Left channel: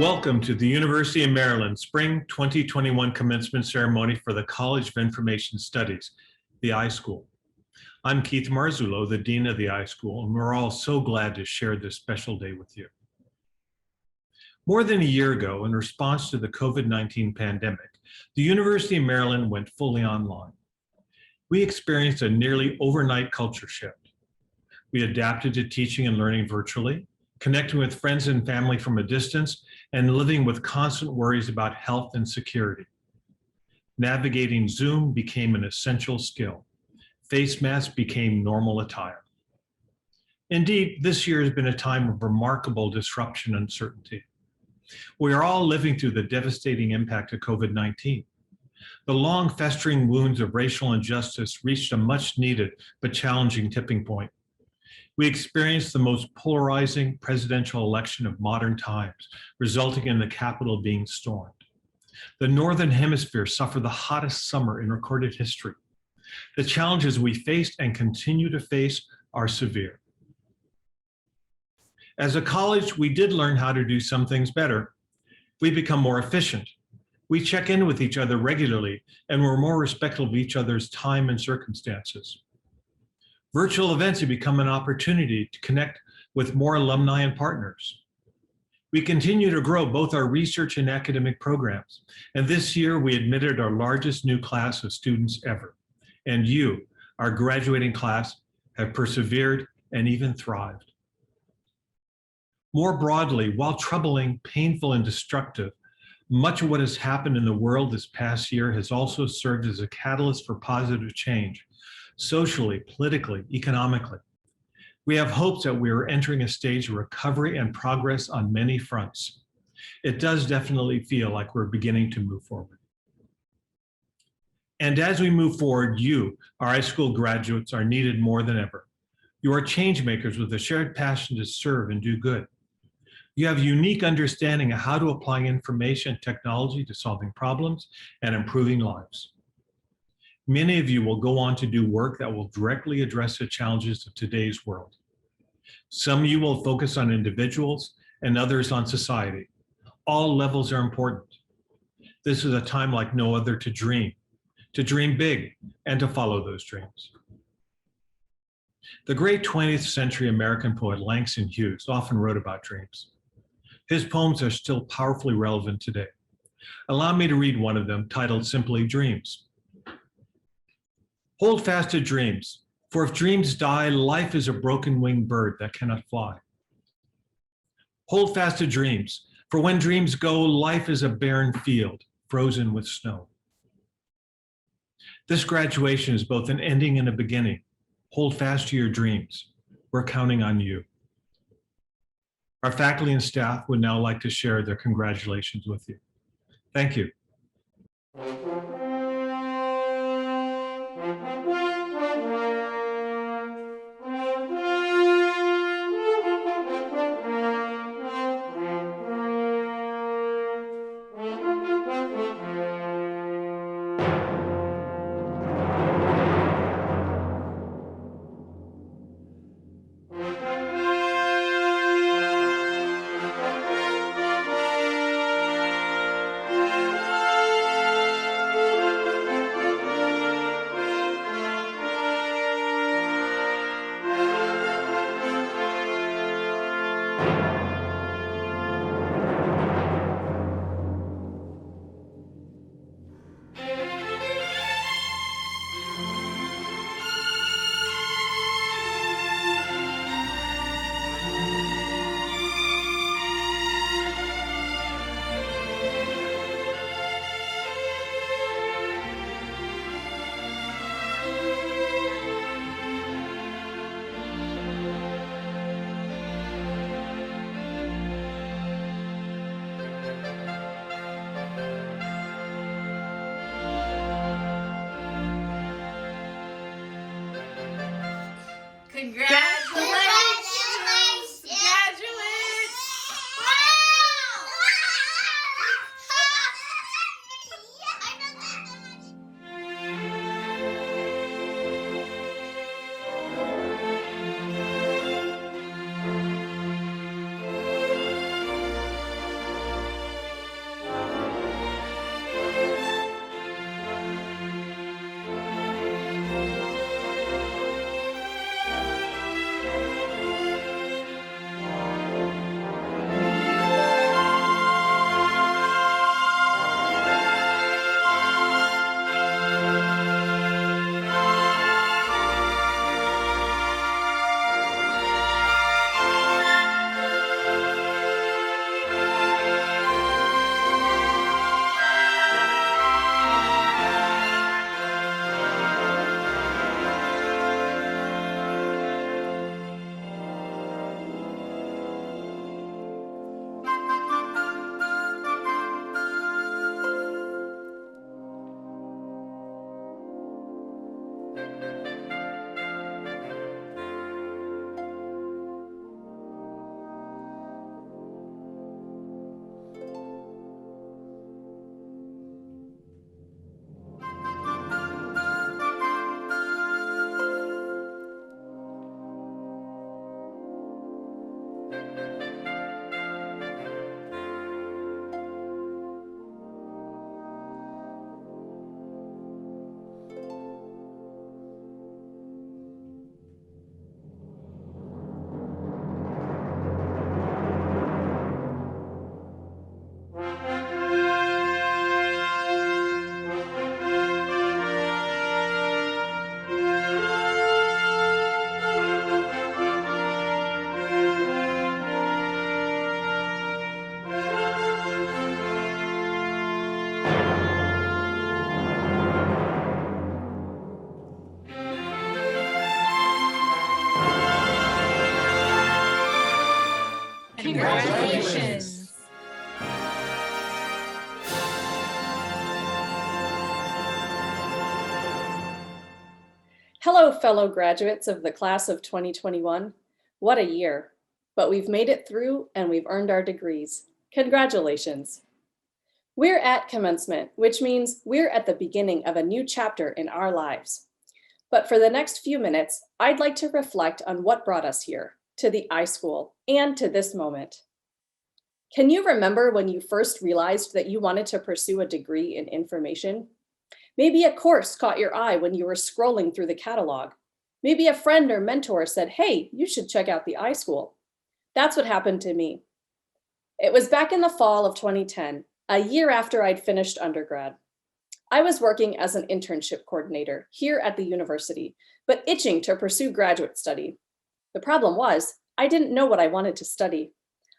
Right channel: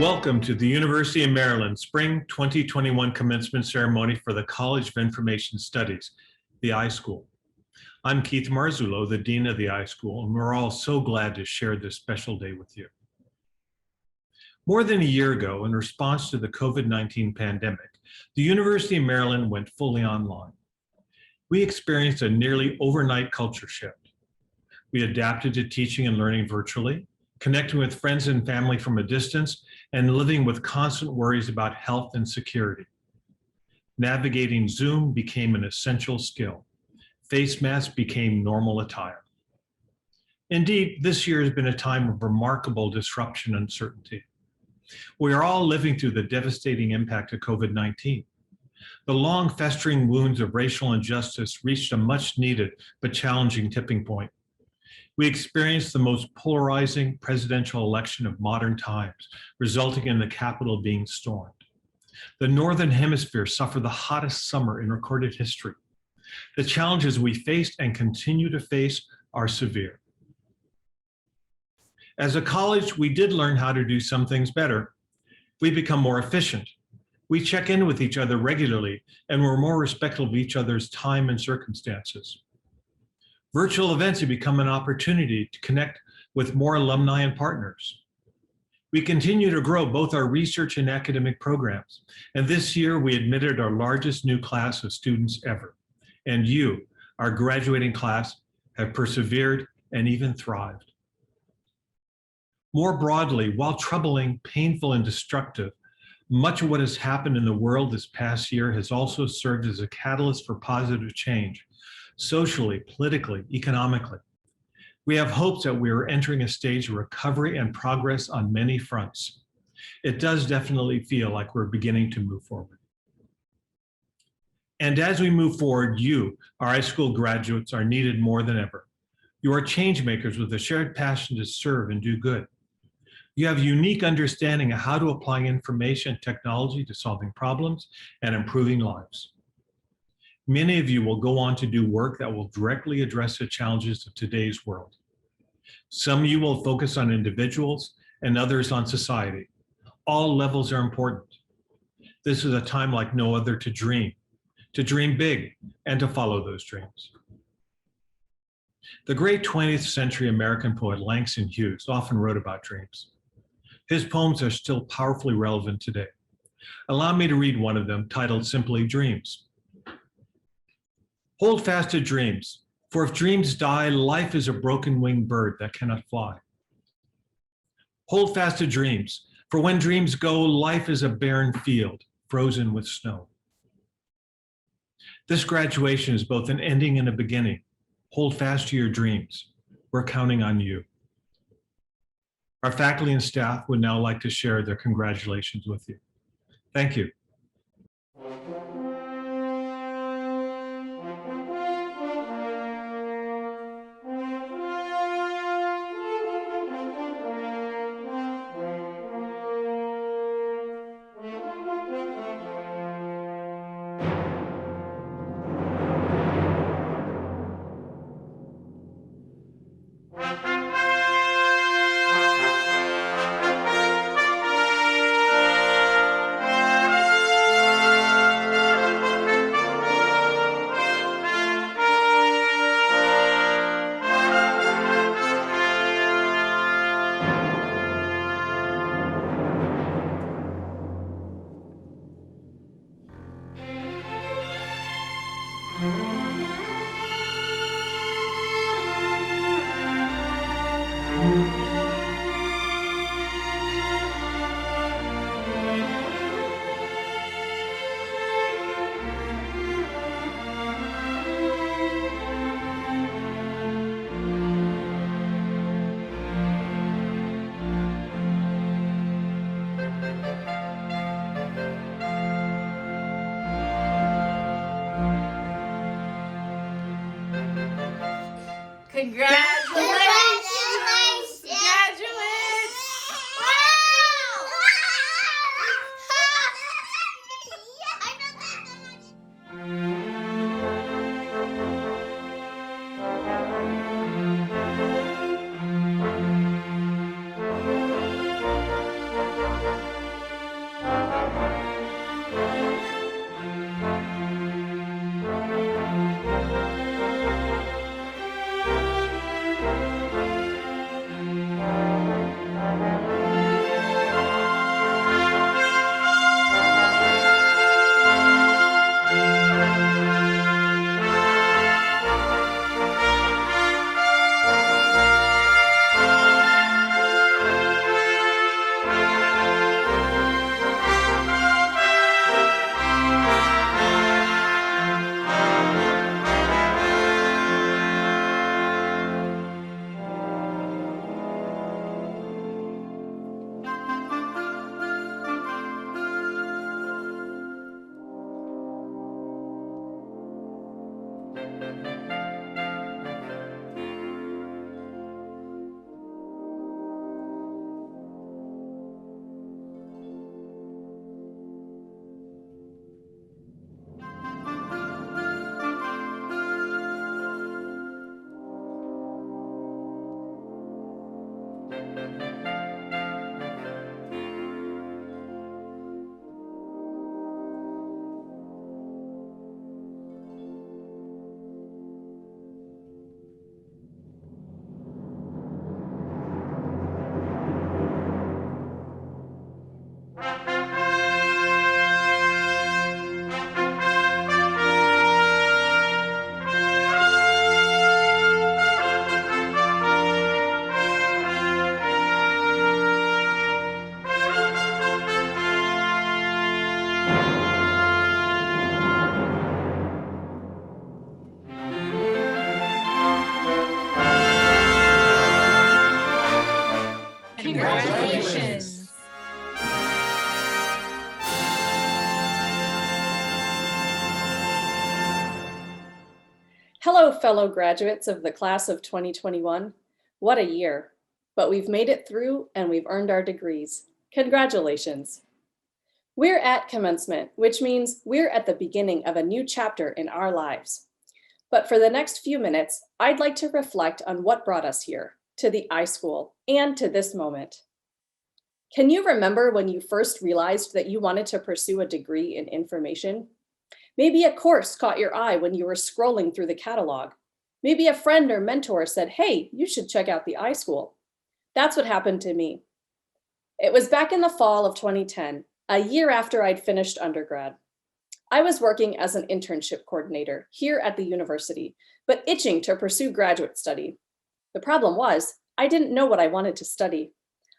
Welcome to the University of Maryland Spring 2021 Commencement Ceremony for the College of Information Studies, the iSchool. I'm Keith Marzullo, the Dean of the iSchool, and we're all so glad to share this special day with you. More than a year ago, in response to the COVID-19 pandemic, the University of Maryland went fully online. We experienced a nearly overnight culture shift. We adapted to teaching and learning virtually, connecting with friends and family from a distance, and living with constant worries about health and security. Navigating Zoom became an essential skill. Face masks became normal attire. Indeed, this year has been a time of remarkable disruption and uncertainty. We are all living through the devastating impact of COVID-19. The long festering wounds of racial injustice reached a much needed but challenging tipping point. We experienced the most polarizing presidential election of modern times, resulting in the Capitol being stormed. The Northern Hemisphere suffered the hottest summer in recorded history. The challenges we faced and continue to face are severe. As a college, we did learn how to do some things better. We become more efficient. We check in with each other regularly, and we're more respectful of each other's time and circumstances. Virtual events have become an opportunity to connect with more alumni and partners. We continue to grow both our research and academic programs, and this year we admitted our largest new class of students ever. And you, our graduating class, have persevered and even thrived. More broadly, while troubling, painful, and destructive, much of what has happened in the world this past year has also served as a catalyst for positive change. Socially, politically, economically. We have hopes that we are entering a stage of recovery and progress on many fronts. It does definitely feel like we're beginning to move forward. And as we move forward, you, our iSchool graduates, are needed more than ever. You are change makers with a shared passion to serve and do good. You have a unique understanding of how to apply information and technology to solving problems and improving lives. Many of you will go on to do work that will directly address the challenges of today's world. Some of you will focus on individuals and others on society. All levels are important. This is a time like no other to dream big, and to follow those dreams. The great 20th century American poet Langston Hughes often wrote about dreams. His poems are still powerfully relevant today. Allow me to read one of them, titled simply Dreams. Hold fast to dreams, for if dreams die, life is a broken-winged bird that cannot fly. Hold fast to dreams, for when dreams go, life is a barren field, frozen with snow. This graduation is both an ending and a beginning. Hold fast to your dreams. We're counting on you. Our faculty and staff would now like to share their congratulations with you. Thank you. Congratulations, graduates! Wow! Congratulations. Hello, fellow graduates of the class of 2021. What a year, but we've made it through and we've earned our degrees. Congratulations. We're at commencement, which means we're at the beginning of a new chapter in our lives. But for the next few minutes, I'd like to reflect on what brought us here, to the iSchool, and to this moment. Can you remember when you first realized that you wanted to pursue a degree in information? Maybe a course caught your eye when you were scrolling through the catalog. Maybe a friend or mentor said, "Hey, you should check out the iSchool." That's what happened to me. It was back in the fall of 2010, a year after I'd finished undergrad. I was working as an internship coordinator here at the university, but itching to pursue graduate study. The problem was, I didn't know what I wanted to study.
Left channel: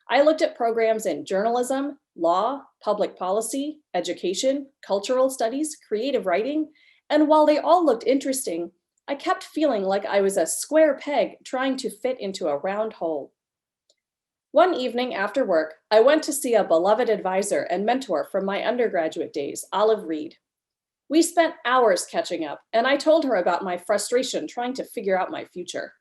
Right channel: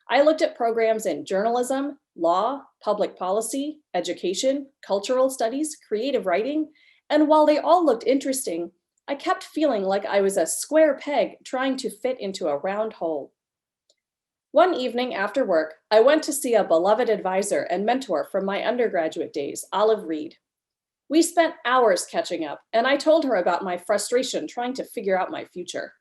I looked at programs in journalism, law, public policy, education, cultural studies, creative writing, and while they all looked interesting, I kept feeling like I was a square peg trying to fit into a round hole. One evening after work, I went to see a beloved advisor and mentor from my undergraduate days, Olive Reed. We spent hours catching up, and I told her about my frustration trying to figure out my future.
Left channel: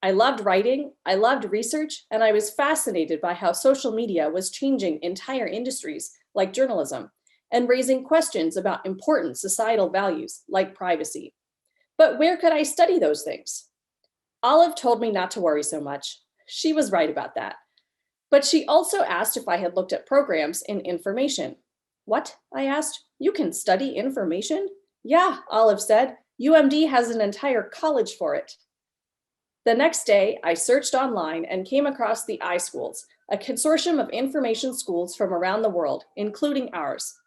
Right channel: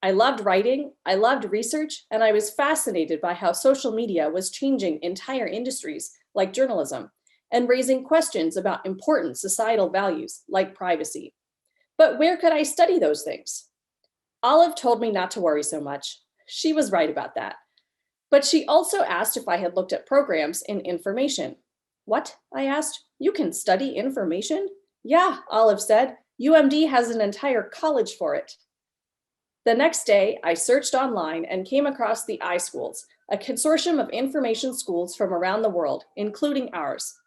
I loved writing, I loved research, and I was fascinated by how social media was changing entire industries like journalism and raising questions about important societal values like privacy. But where could I study those things? Olive told me not to worry so much. She was right about that. But she also asked if I had looked at programs in information. "What?" I asked. "You can study information?" "Yeah," Olive said. "UMD has an entire college for it." The next day, I searched online and came across the iSchools, a consortium of information schools from around the world, including ours.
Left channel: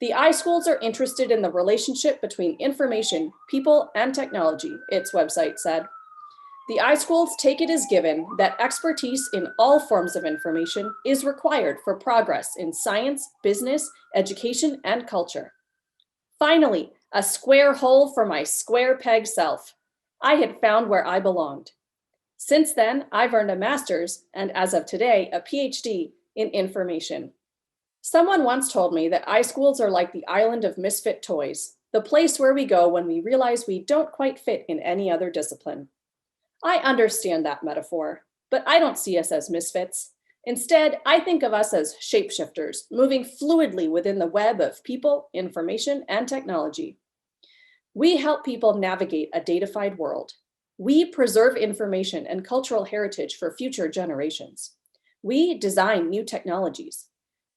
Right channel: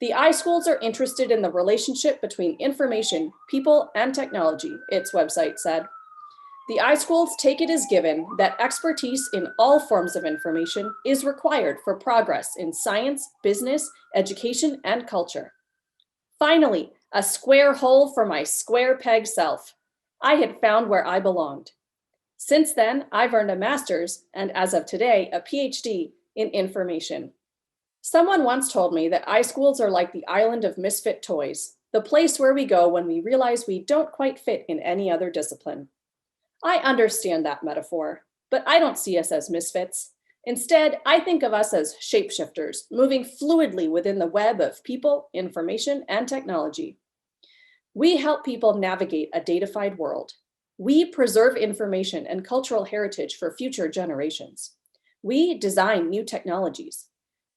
The iSchools are interested in the relationship between information, people, and technology, its website said. The iSchools take it as given that expertise in all forms of information is required for progress in science, business, education, and culture. Finally, a square hole for my square peg self. I had found where I belonged. Since then, I've earned a master's and, as of today, a PhD in information. Someone once told me that iSchools are like the island of misfit toys, the place where we go when we realize we don't quite fit in any other discipline. I understand that metaphor, but I don't see us as misfits. Instead, I think of us as shapeshifters, moving fluidly within the web of people, information, and technology. We help people navigate a datafied world. We preserve information and cultural heritage for future generations. We design new technologies.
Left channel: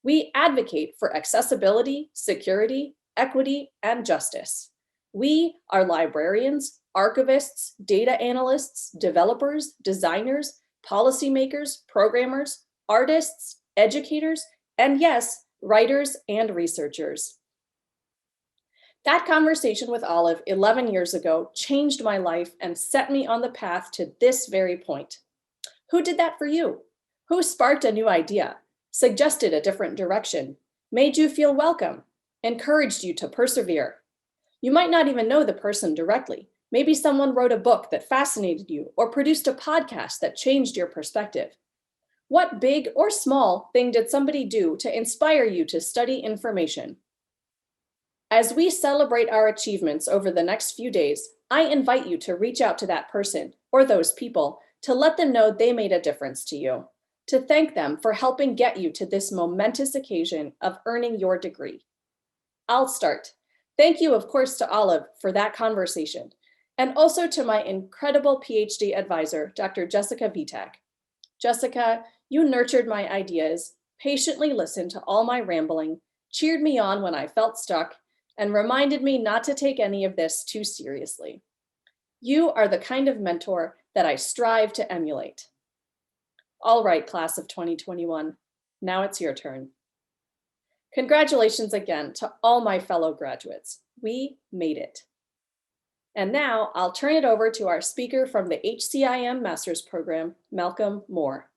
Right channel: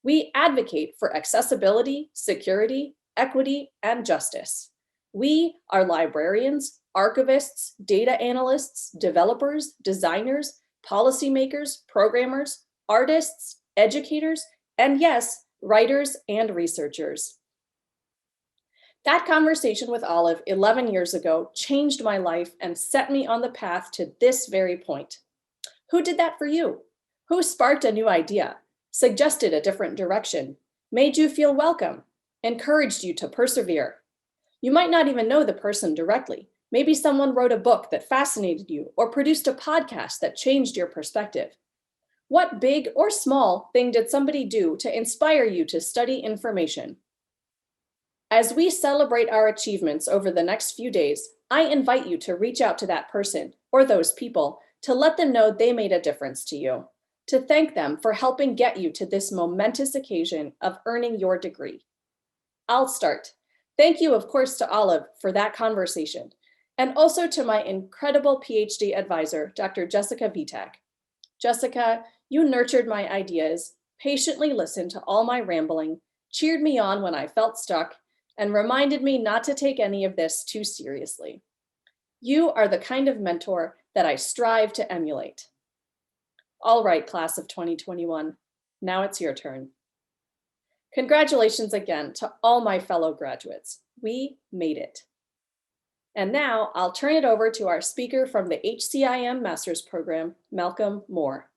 We advocate for accessibility, security, equity, and justice. We are librarians, archivists, data analysts, developers, designers, policymakers, programmers, artists, educators, and yes, writers and researchers. That conversation with Olive 11 years ago changed my life and set me on the path to this very point. Who did that for you? Who sparked a new idea, suggested a different direction, made you feel welcome, encouraged you to persevere? You might not even know the person directly. Maybe someone wrote a book that fascinated you or produced a podcast that changed your perspective. What big or small thing did somebody do to inspire you to study information? As we celebrate our achievements over the next few days, I invite you to reach out to that person or those people to let them know they made a difference to you, to thank them for helping get you to this momentous occasion of earning your degree. I'll start. Thank you, of course, to Olive for that conversation, and also to my incredible PhD advisor, Dr. Jessica Vitak. Jessica, you nurtured my ideas, patiently listened to all my rambling, cheered me on when I felt stuck, and reminded me not to take any of this too seriously. You are the kind of mentor that I strive to emulate. All right, class of 2021, now it's your turn. Congratulations again to all my fellow graduates. We made it. And now I'll turn it over to our speaker from the HCIM Master's Program, Malcolm Moore.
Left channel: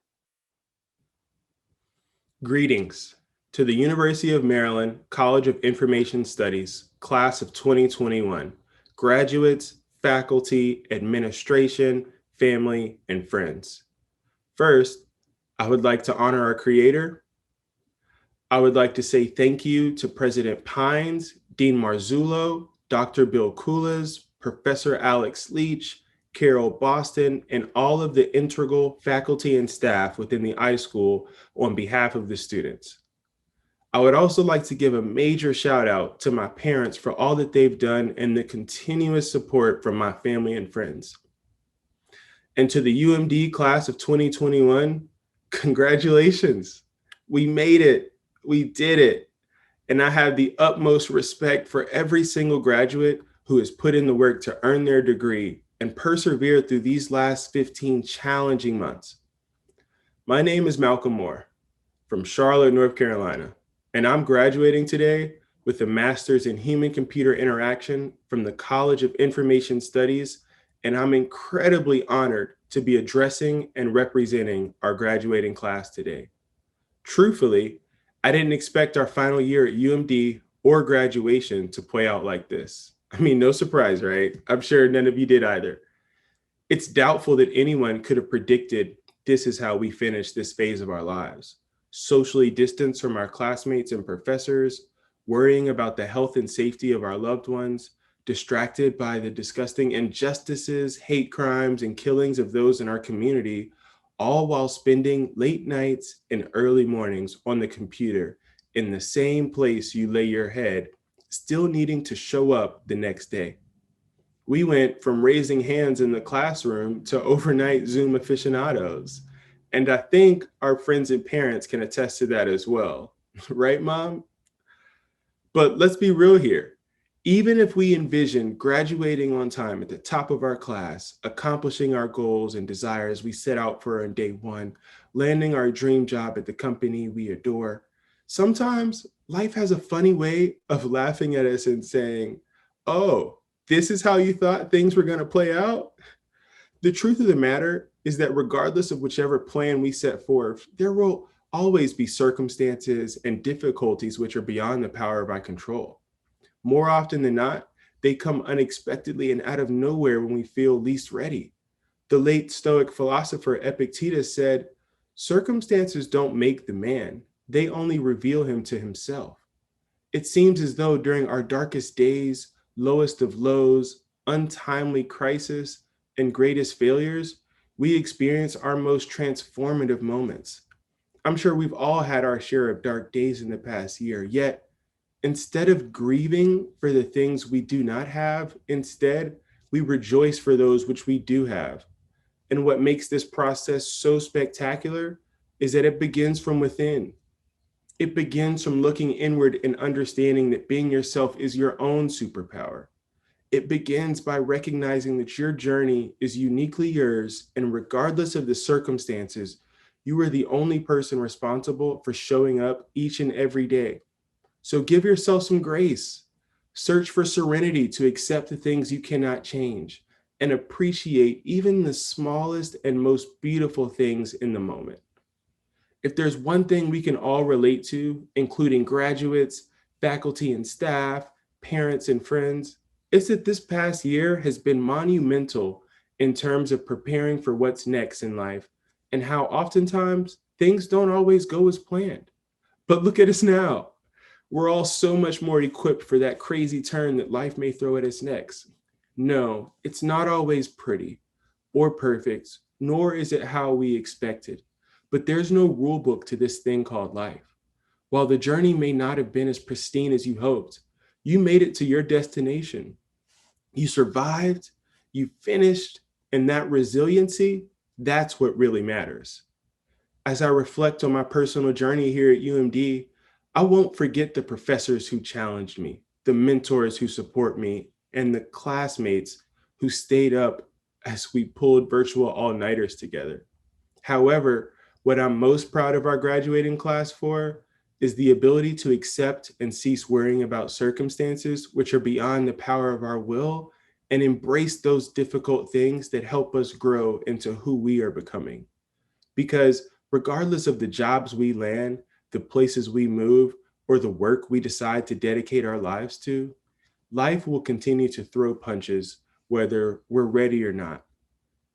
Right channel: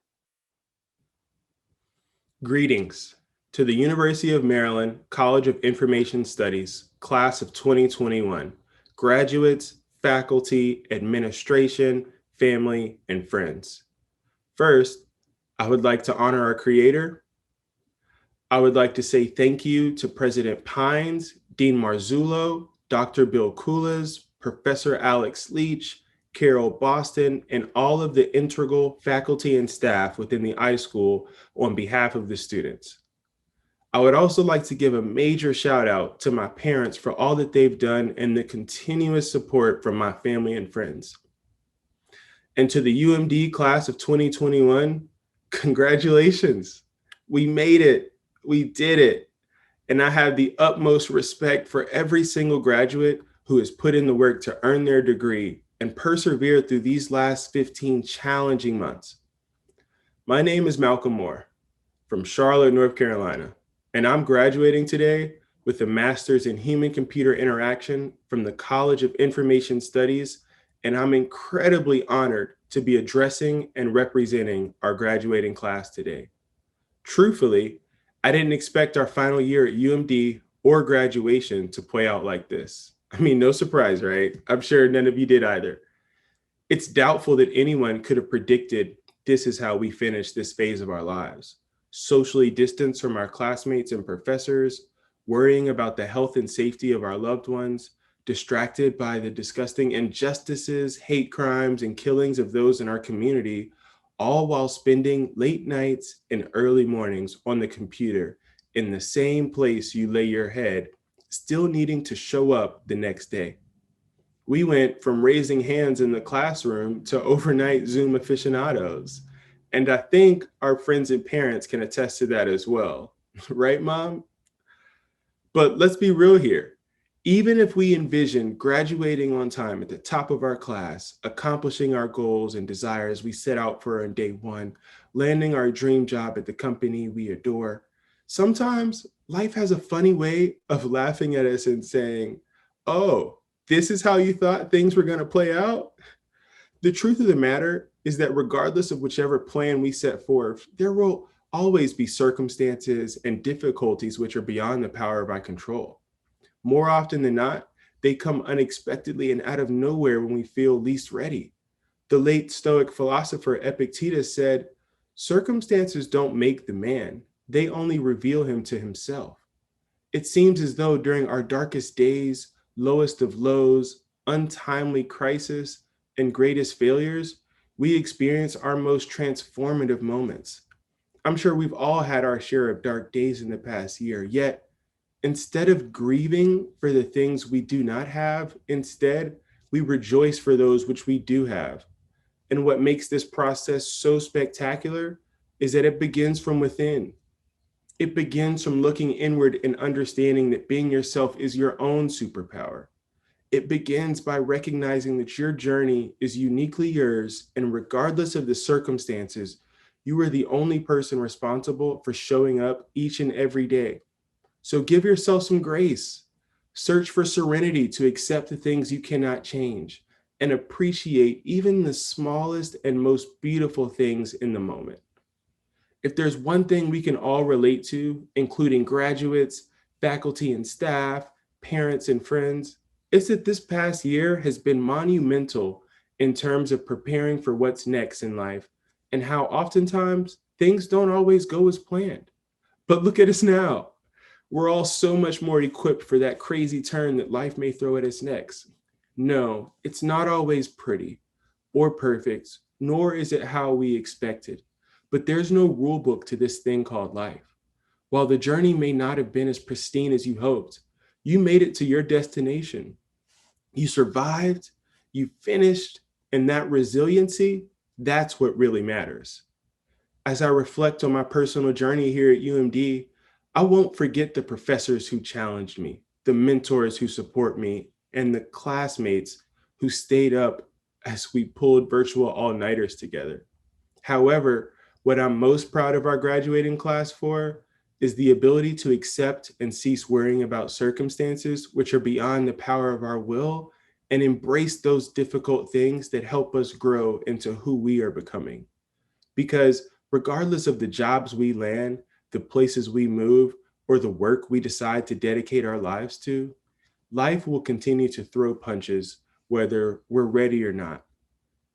Greetings to the University of Maryland College of Information Studies, class of 2021, graduates, faculty, administration, family, and friends. First, I would like to honor our creator. I would like to say thank you to President Pines, Dean Marzullo, Dr. Bill Kulas, Professor Alex Leach, Carol Boston, and all of the integral faculty and staff within the iSchool on behalf of the students. I would also like to give a major shout out to my parents for all that they've done and the continuous support from my family and friends. And to the UMD class of 2021, congratulations. We made it. We did it. And I have the utmost respect for every single graduate who has put in the work to earn their degree and persevered through these last 15 challenging months. My name is Malcolm Moore from Charlotte, North Carolina, and I'm graduating today with a master's in human-computer interaction from the College of Information Studies, and I'm incredibly honored to be addressing and representing our graduating class today. Truthfully, I didn't expect our final year at UMD or graduation to play out like this. I mean, no surprise, right? I'm sure none of you did either. It's doubtful that anyone could have predicted this is how we finish this phase of our lives. Socially distanced from our classmates and professors, worrying about the health and safety of our loved ones, distracted by the disgusting injustices, hate crimes, and killings of those in our community, all while spending late nights and early mornings on the computer in the same place you lay your head, still needing to show up the next day. We went from raising hands in the classroom to overnight Zoom aficionados. And I think our friends and parents can attest to that as well. Right, Mom? But let's be real here. Even if we envision graduating on time at the top of our class, accomplishing our goals and desires we set out for on day one, landing our dream job at the company we adore, sometimes life has a funny way of laughing at us and saying, oh, this is how you thought things were going to play out? The truth of the matter is that regardless of whichever plan we set forth, there will always be circumstances and difficulties which are beyond the power of our control. More often than not, they come unexpectedly and out of nowhere when we feel least ready. The late Stoic philosopher Epictetus said, circumstances don't make the man, they only reveal him to himself. It seems as though during our darkest days, lowest of lows, untimely crisis, and greatest failures, we experience our most transformative moments. I'm sure we've all had our share of dark days in the past year, yet instead of grieving for the things we do not have, instead, we rejoice for those which we do have. And what makes this process so spectacular is that it begins from within. It begins from looking inward and understanding that being yourself is your own superpower. It begins by recognizing that your journey is uniquely yours, and regardless of the circumstances, you are the only person responsible for showing up each and every day. So give yourself some grace. Search for serenity to accept the things you cannot change and appreciate even the smallest and most beautiful things in the moment. If there's one thing we can all relate to, including graduates, faculty and staff, parents and friends, it's that this past year has been monumental in terms of preparing for what's next in life and how oftentimes things don't always go as planned. But look at us now. We're all so much more equipped for that crazy turn that life may throw at us next. No, it's not always pretty or perfect, nor is it how we expected. But there's no rule book to this thing called life. While the journey may not have been as pristine as you hoped, you made it to your destination. You survived, you finished, and that resiliency, that's what really matters. As I reflect on my personal journey here at UMD, I won't forget the professors who challenged me, the mentors who support me, and the classmates who stayed up as we pulled virtual all-nighters together. However, what I'm most proud of our graduating class for is the ability to accept and cease worrying about circumstances which are beyond the power of our will and embrace those difficult things that help us grow into who we are becoming. Because regardless of the jobs we land, the places we move, or the work we decide to dedicate our lives to, life will continue to throw punches whether we're ready or not.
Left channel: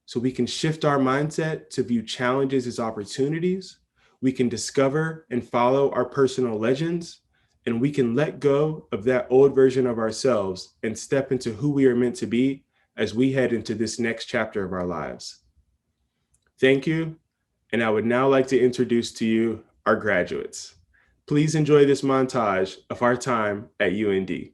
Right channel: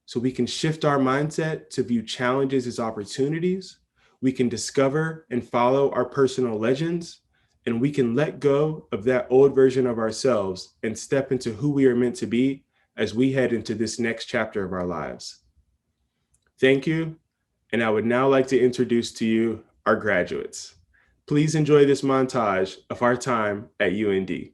So we can shift our mindset to view challenges as opportunities. We can discover and follow our personal legends, and we can let go of that old version of ourselves and step into who we are meant to be as we head into this next chapter of our lives. Thank you, and I would now like to introduce to you our graduates. Please enjoy this montage of our time at UND.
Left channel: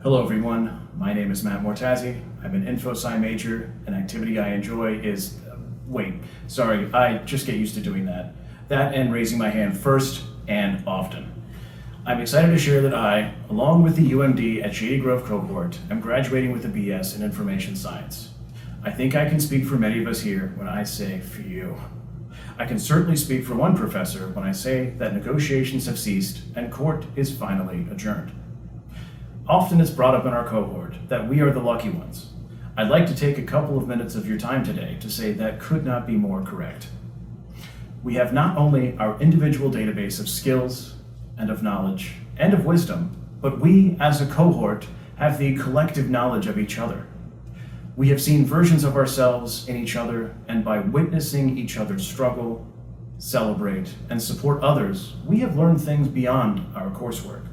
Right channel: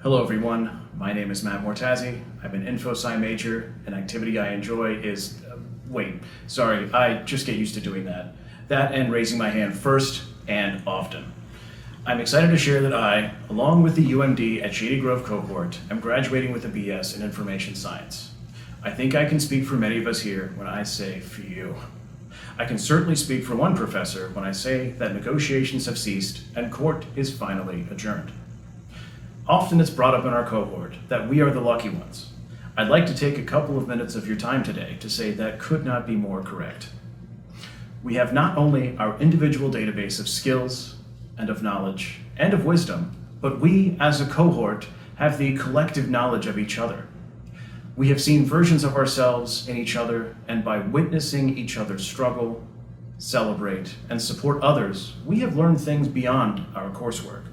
Hello everyone, my name is Matt Mortazzi. I'm an info-sci major. An activity I enjoy is, I just get used to doing that. That and raising my hand first and often. I'm excited to share that I, along with the UMD at Shady Grove cohort, am graduating with a BS in Information Science. I think I can speak for many of us here when I say phew. I can certainly speak for one professor when I say that negotiations have ceased and court is finally adjourned. Often it's brought up in our cohort that we are the lucky ones. I'd like to take a couple of minutes of your time today to say that could not be more correct. We have not only our individual database of skills and of knowledge and of wisdom, but we as a cohort have the collective knowledge of each other. We have seen versions of ourselves in each other, and by witnessing each other's struggle, celebrate, and support others, we have learned things beyond our coursework.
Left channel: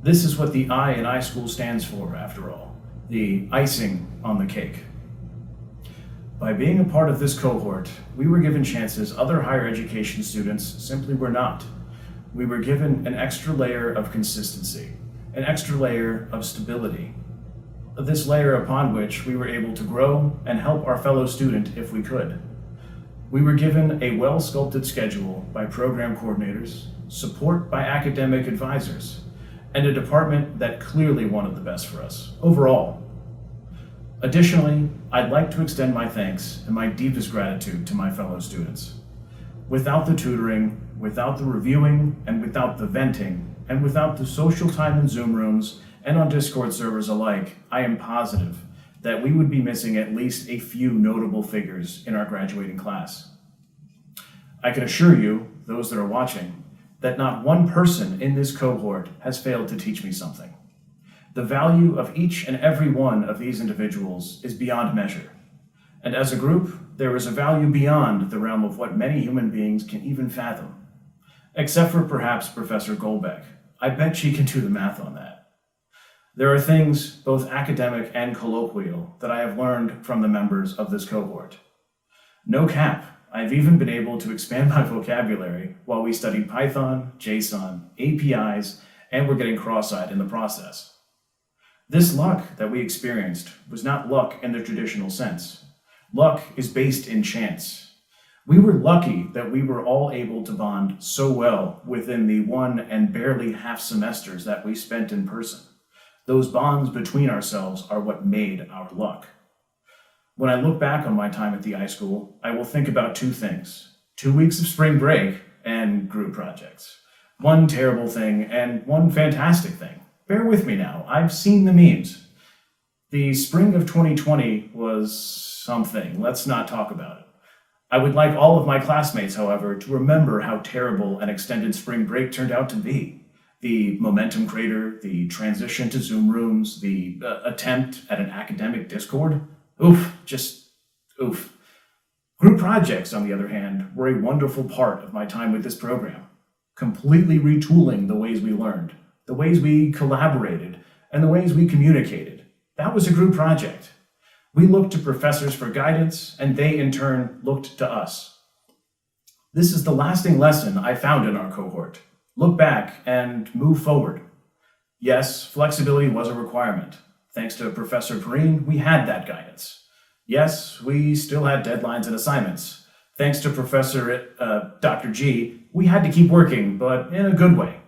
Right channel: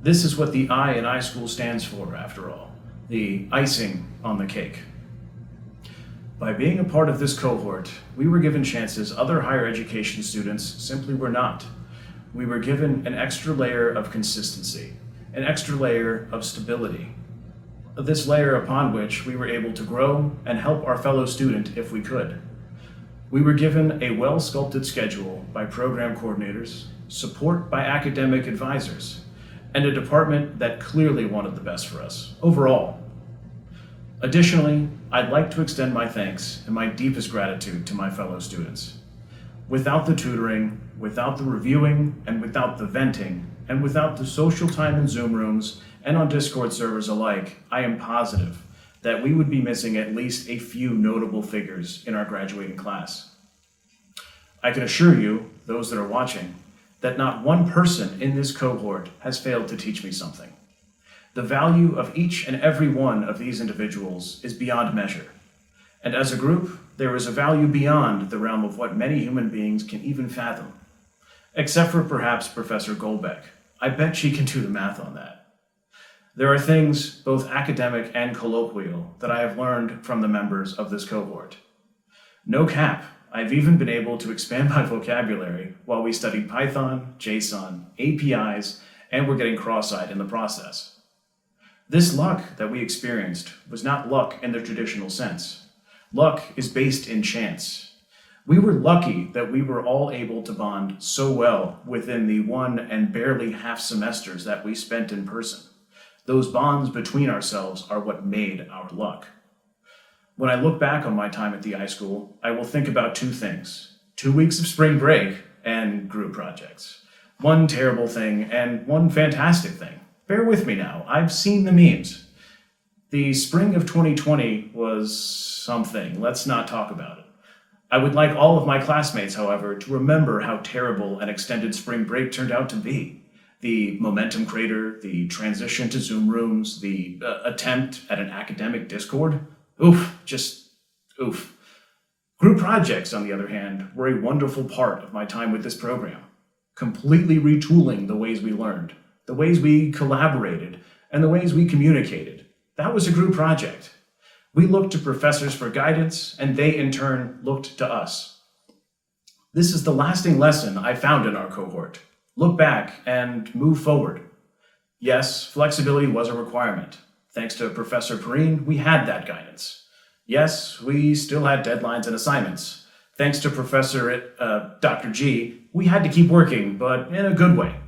This is what the I in iSchool stands for, after all, the icing on the cake. By being a part of this cohort, we were given chances other higher education students simply were not. We were given an extra layer of consistency, an extra layer of stability. This layer upon which we were able to grow and help our fellow student if we could. We were given a well-sculpted schedule by program coordinators, support by academic advisors, and a department that clearly wanted the best for us, overall. Additionally, I'd like to extend my thanks and my deepest gratitude to my fellow students. Without the tutoring, without the reviewing and without the venting and without the social time in Zoom rooms and on Discord servers alike, I am positive that we would be missing at least a few notable figures in our graduating class. I can assure you, those that are watching, that not one person in this cohort has failed to teach me something. The value of each and every one of these individuals is beyond measure. And as a group, there is a value beyond the realm of what many human beings can even fathom. Except for perhaps Professor Goldbeck. I bet she can do the math on that. There are things, both academic and colloquial, that I have learned from the members of this cohort. No cap, I've even been able to expand my vocabulary while we studied Python, JSON, APIs, and were getting cross-eyed in the process. This luck that we experienced was not luck in the traditional sense. Luck is based in chance. We were lucky that we were all able to bond so well within the 1 and barely half semesters that we spent in person. Those bonds between ourselves are what made our luck. When I look back on my time at the iSchool, I will think about 2 things. 2 weeks of spring break and group projects. One terrible thing and one fantastic thing. Bear with me now, I've seen the memes. The spring of 2020 was something, let's not talk about it. I would like all of my classmates, however, to remember how terrible an extended spring break turned out to be. The momentum crater, the transition to Zoom rooms, the attempt at an academic Discord. Oof, just oof. Group projects, on the other hand, were a wonderful part of my time with this program, completely retooling the ways we learned, the ways we collaborated, and the ways we communicated. That was a group project. We looked to professors for guidance, and they in turn looked to us. This is the lasting lesson I found in our cohort. Look back and move forward. Yes, flexibility was a requirement. Thanks to Professor Perrine, we had that guidance. Yes, we still had deadlines and assignments. Thanks to Professor Dr. G, we had to keep working, but in a good way.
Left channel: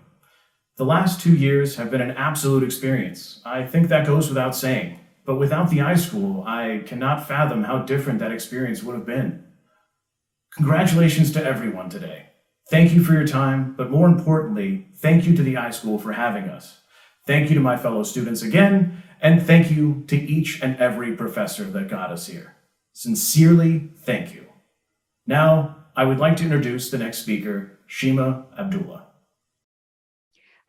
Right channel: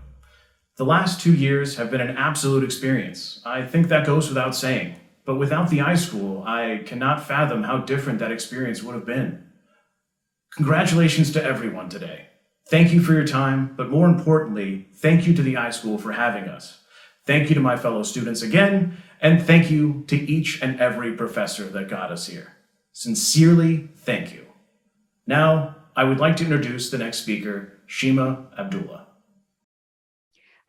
The last 2 years have been an absolute experience. I think that goes without saying. But without the iSchool, I cannot fathom how different that experience would have been. Congratulations to everyone today. Thank you for your time, but more importantly, thank you to the iSchool for having us. Thank you to my fellow students again, and thank you to each and every professor that got us here. Sincerely, thank you. Now, I would like to introduce the next speaker, Shima Abdullah.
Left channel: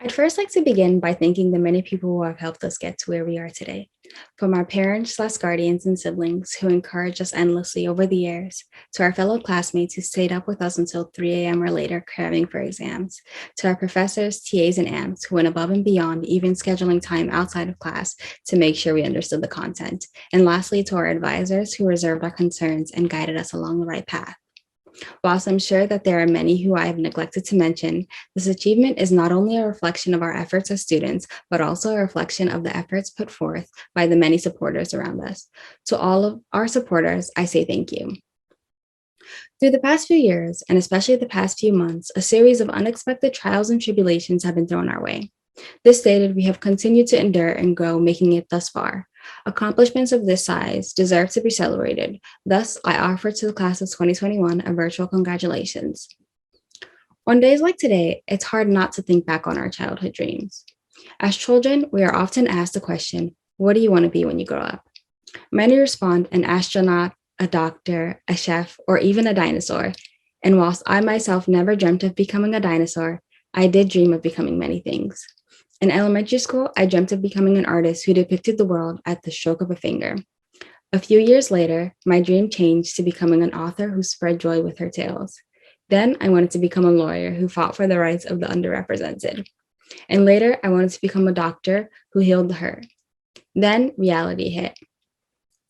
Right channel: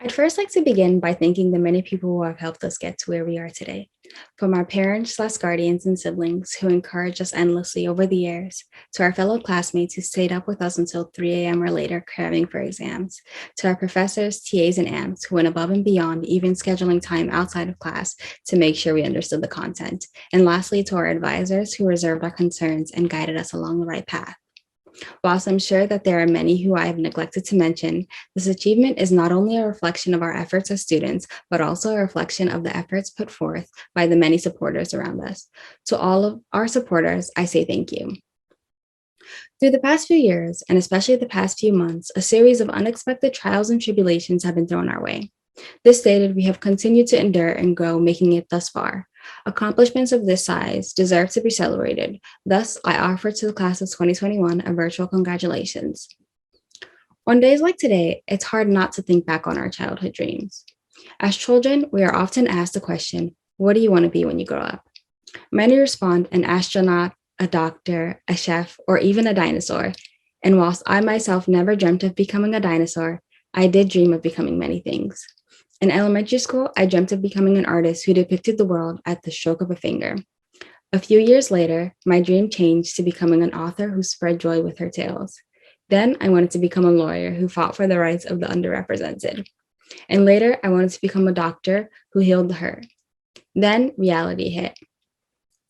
I'd first like to begin by thanking the many people who have helped us get to where we are today. From our parents/guardians and siblings who encouraged us endlessly over the years, to our fellow classmates who stayed up with us until 3 a.m. or later cramming for exams, to our professors, TAs, and AMs who went above and beyond, even scheduling time outside of class to make sure we understood the content. And lastly, to our advisors who reserved our concerns and guided us along the right path. Whilst I'm sure that there are many who I have neglected to mention, this achievement is not only a reflection of our efforts as students, but also a reflection of the efforts put forth by the many supporters around us. To all of our supporters, I say thank you. Through the past few years, and especially the past few months, a series of unexpected trials and tribulations have been thrown our way. This stated, we have continued to endure and grow, making it thus far. Accomplishments of this size deserve to be celebrated. Thus, I offer to the class of 2021 a virtual congratulations. On days like today, it's hard not to think back on our childhood dreams. As children, we are often asked the question, what do you want to be when you grow up? Many respond an astronaut, a doctor, a chef, or even a dinosaur. And whilst I myself never dreamt of becoming a dinosaur, I did dream of becoming many things. In elementary school, I dreamt of becoming an artist who depicted the world at the stroke of a finger. A few years later, my dream changed to becoming an author who spread joy with her tales. Then I wanted to become a lawyer who fought for the rights of the underrepresented. And later, I wanted to become a doctor who healed the hurt. Then reality hit.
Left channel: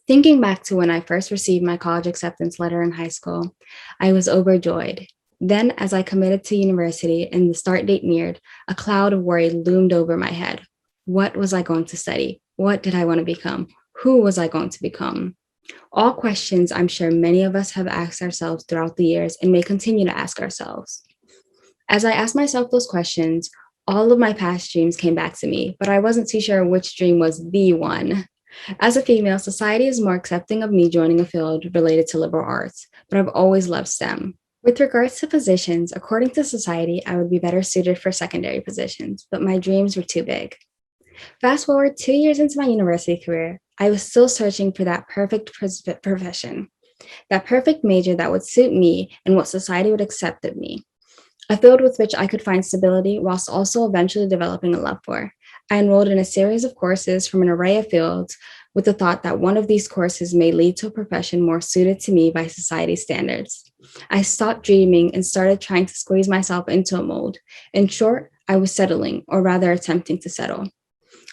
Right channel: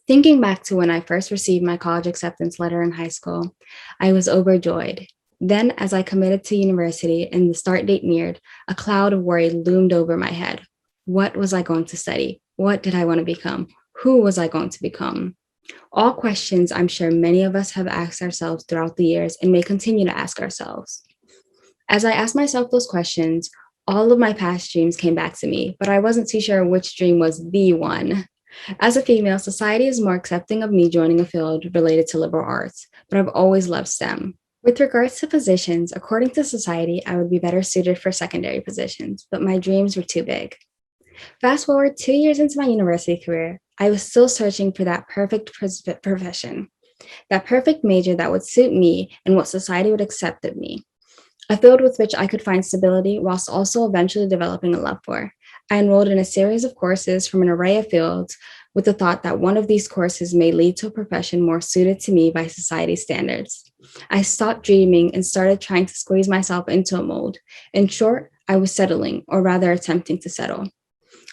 Thinking back to when I first received my college acceptance letter in high school, I was overjoyed. Then, as I committed to university and the start date neared, a cloud of worry loomed over my head. What was I going to study? What did I want to become? Who was I going to become? All questions I'm sure many of us have asked ourselves throughout the years and may continue to ask ourselves. As I asked myself those questions, all of my past dreams came back to me, but I wasn't too sure which dream was the one. As a female, society is more accepting of me joining a field related to liberal arts, but I've always loved STEM. With regards to positions, according to society, I would be better suited for secondary positions, but my dreams were too big. Fast forward 2 years into my university career, I was still searching for that perfect profession, that perfect major that would suit me and what society would accept of me, a field with which I could find stability whilst also eventually developing a love for. I enrolled in a series of courses from an array of fields with the thought that one of these courses may lead to a profession more suited to me by society's standards. I stopped dreaming and started trying to squeeze myself into a mold. In short, I was settling, or rather attempting to settle.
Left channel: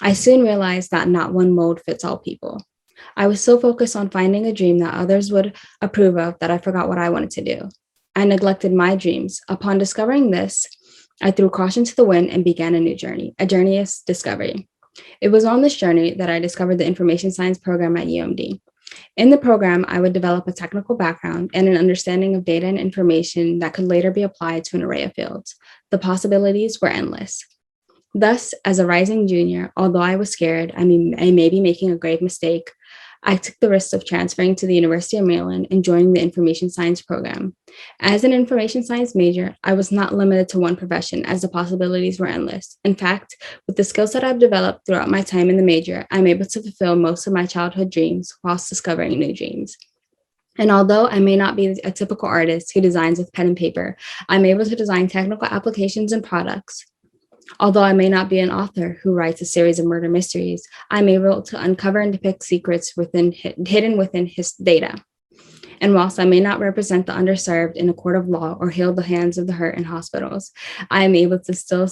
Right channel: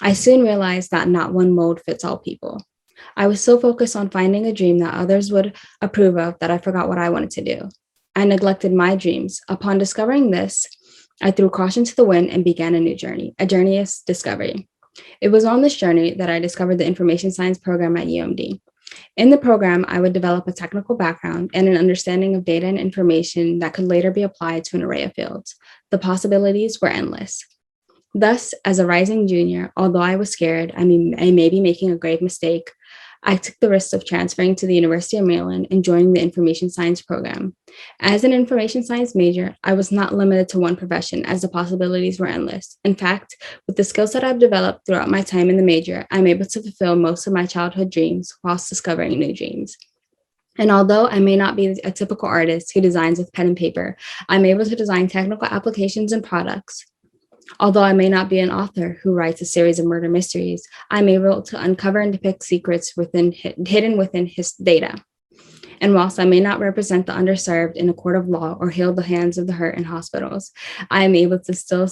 I soon realized that not one mold fits all people. I was so focused on finding a dream that others would approve of that I forgot what I wanted to do. I neglected my dreams. Upon discovering this, I threw caution to the wind and began a new journey, a journey of discovery. It was on this journey that I discovered the information science program at UMD. In the program, I would develop a technical background and an understanding of data and information that could later be applied to an array of fields. The possibilities were endless. Thus, as a rising junior, although I was scared, I may be making a grave mistake, I took the risk of transferring to the University of Maryland and joining the information science program. As an information science major, I was not limited to one profession as the possibilities were endless. In fact, with the skills that I've developed throughout my time in the major, I'm able to fulfill most of my childhood dreams whilst discovering new dreams. And although I may not be a typical artist who designs with pen and paper, I'm able to design technical applications and products. Although I may not be an author who writes a series of murder mysteries, I'm able to uncover and depict secrets hidden within his data. And whilst I may not represent the underserved in a court of law or heal the hands of the hurt in hospitals, I am able to still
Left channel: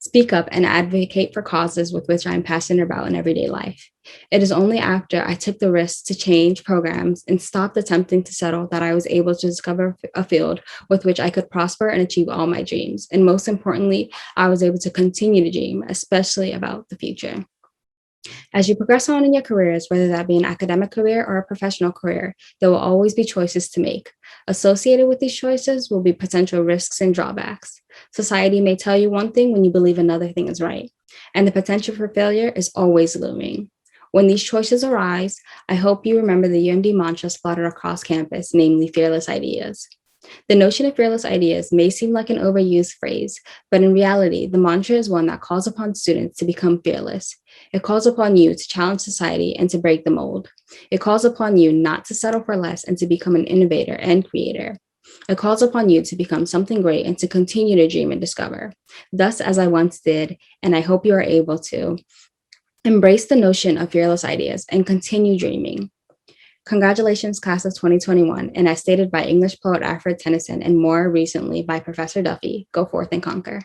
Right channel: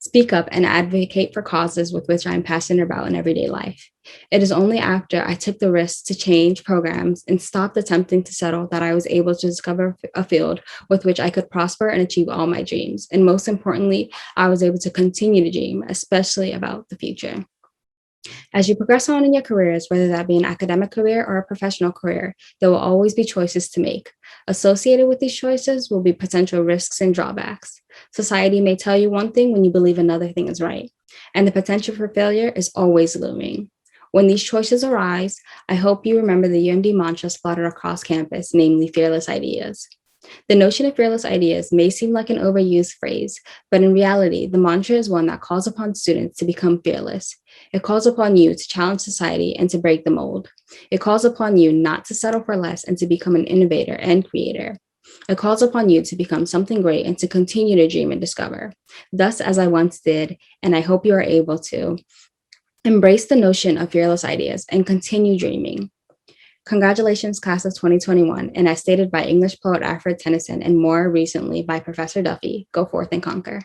speak up and advocate for causes with which I'm passionate about in everyday life. It is only after I took the risk to change programs and stopped attempting to settle that I was able to discover a field with which I could prosper and achieve all my dreams. And most importantly, I was able to continue to dream, especially about the future. As you progress on in your careers, whether that be an academic career or a professional career, there will always be choices to make. Associated with these choices will be potential risks and drawbacks. Society may tell you one thing when you believe another thing is right, and the potential for failure is always looming. When these choices arise, I hope you remember the UMD mantra splattered across campus, namely fearless ideas. The notion of fearless ideas may seem like an overused phrase, but in reality, the mantra is one that calls upon students to become fearless. It calls upon you to challenge society and to break the mold. It calls upon you not to settle for less and to become an innovator and creator. It calls upon you to become something great and to continue to dream and discover. Thus, as I once did, and I hope you are able to, embrace the notion of fearless ideas and continue dreaming. Congratulations, class of 2021, and as stated by English poet Alfred Tennyson and more recently by Professor Duffy, go forth and conquer.